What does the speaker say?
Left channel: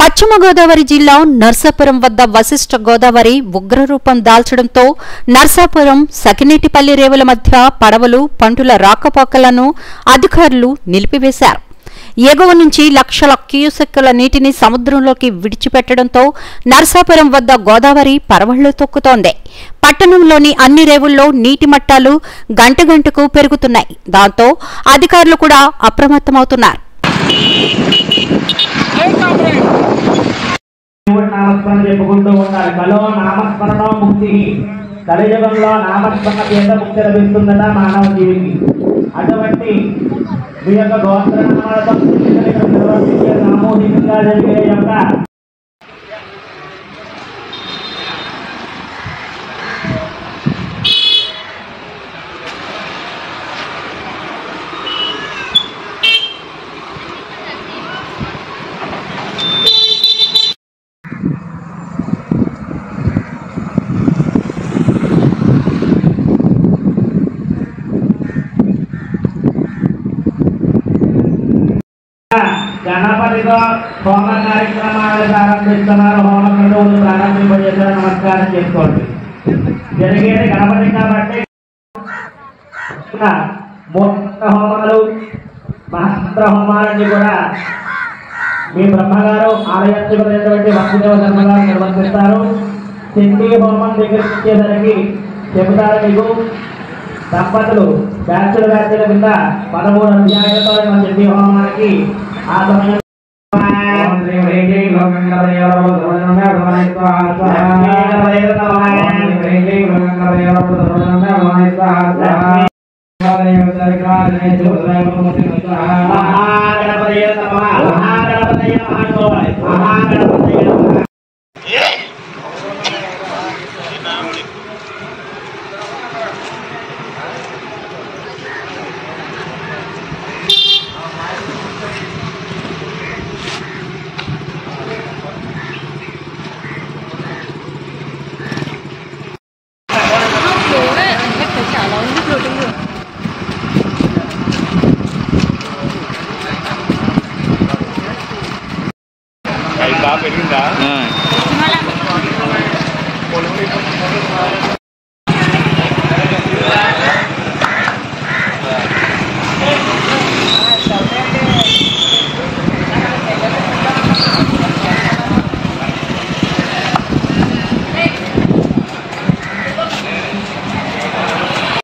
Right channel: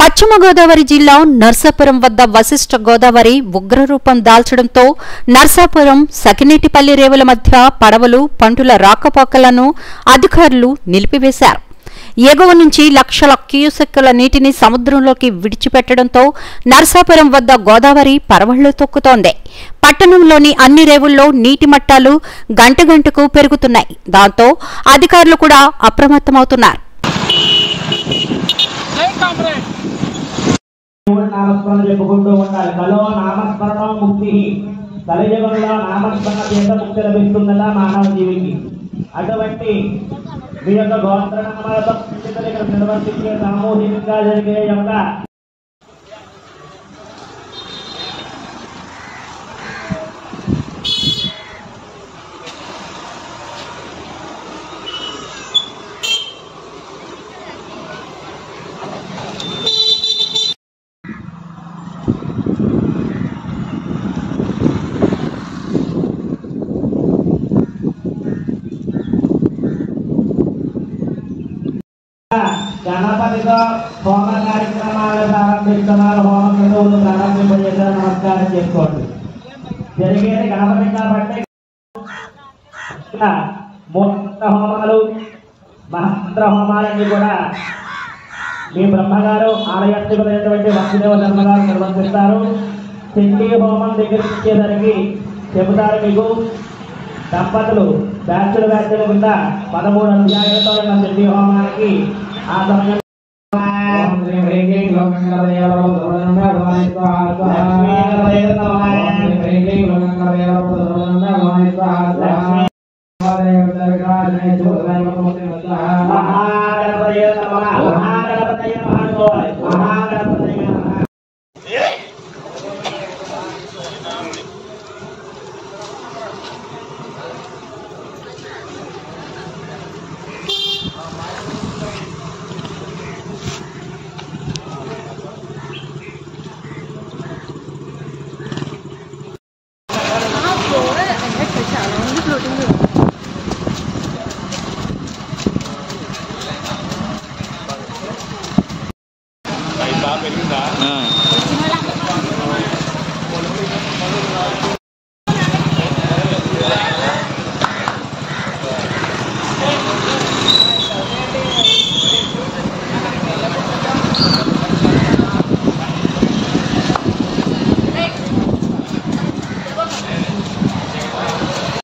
పశ్చిమ గోదావరి జిల్లా నర్సాపురం వద్ద వశిష్ఠ గోదావరి ఉగ్రరూపం దాల్చడంతో నర్సాపురం సకినేటిపల్లి రేవుల మధ్య పడవలు పంటుల రాకపోకలను అధికారులు నిలిపివేశారు. ఎగువ నుంచి లక్షల క్యూసెక్కుల నీటిని సముద్రంలోకి విడిచిపెట్టడంతో నర్సాపురం వద్ద గోదావరి పరవళ్లు తొక్కుతోంది. పట్టణంలోని అన్ని రేవుల్లో నీటి మట్టాలు గంటకు పెరుగుతున్నాయి. దాంతో అధికారులు కూడా అప్రమత్తమవుతున్నారు. నామస్మరణ చెప్పుకుంటూ ఉండాలి. కలో నామస్మరణ ముక్తి. కలియుగంలో నామస్మరణ చేత ముక్తి లభిస్తుందట మానవ జీవికి. అటువంటి మీ యొక్క గోత్రనామాలతో నిర్వర్తించే సామూహికంగా జరిగే యొక్క గణపతితో హోమ కార్యక్రమాలు ప్రారంభిస్తున్నారు. హోమ క్రతువులు ప్రారంభింపజేశారు. నమస్కారం చేసుకోండి. జరిగేది గణపతి కాబట్టి హోమాలు మహస్త్ర హోమాలన్నీ కూడా మీ బ్రహ్మగారు ఆలయాత్మకమైనటువంటి వసుదేవ ధర్మగారు నిర్వర్తిస్తారు. సింధీ హోమం దగ్గర వచ్చేసరికి చెబుతారు మీకు. దంపతులు బ్యాచుల కింద 13 అధ్యాయాలతో సింధీ హోమానికి ఆ సమయం మహాగణపతయ